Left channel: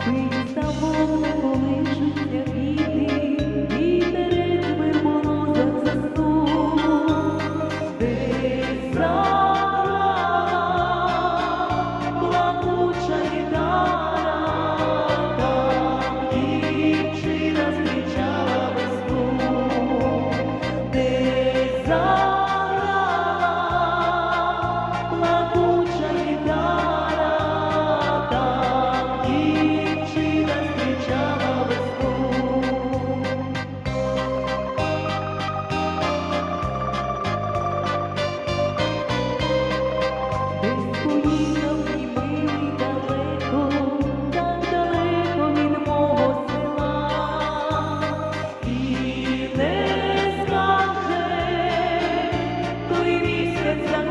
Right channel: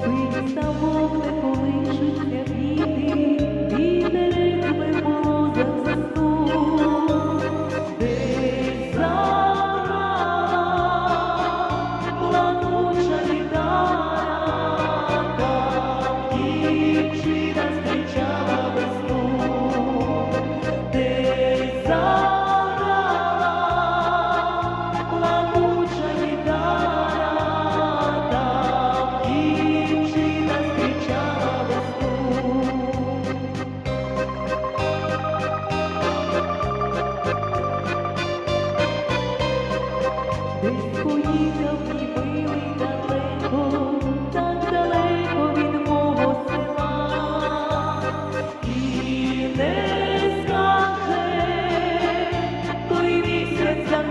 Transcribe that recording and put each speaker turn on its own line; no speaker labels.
спить на вогнику лишуться біди, вітерець в верболозах заснув, десь заграла плакуча біда. Десь поїхав мій далеко, так далеко від мого села, і не скаже той місяць за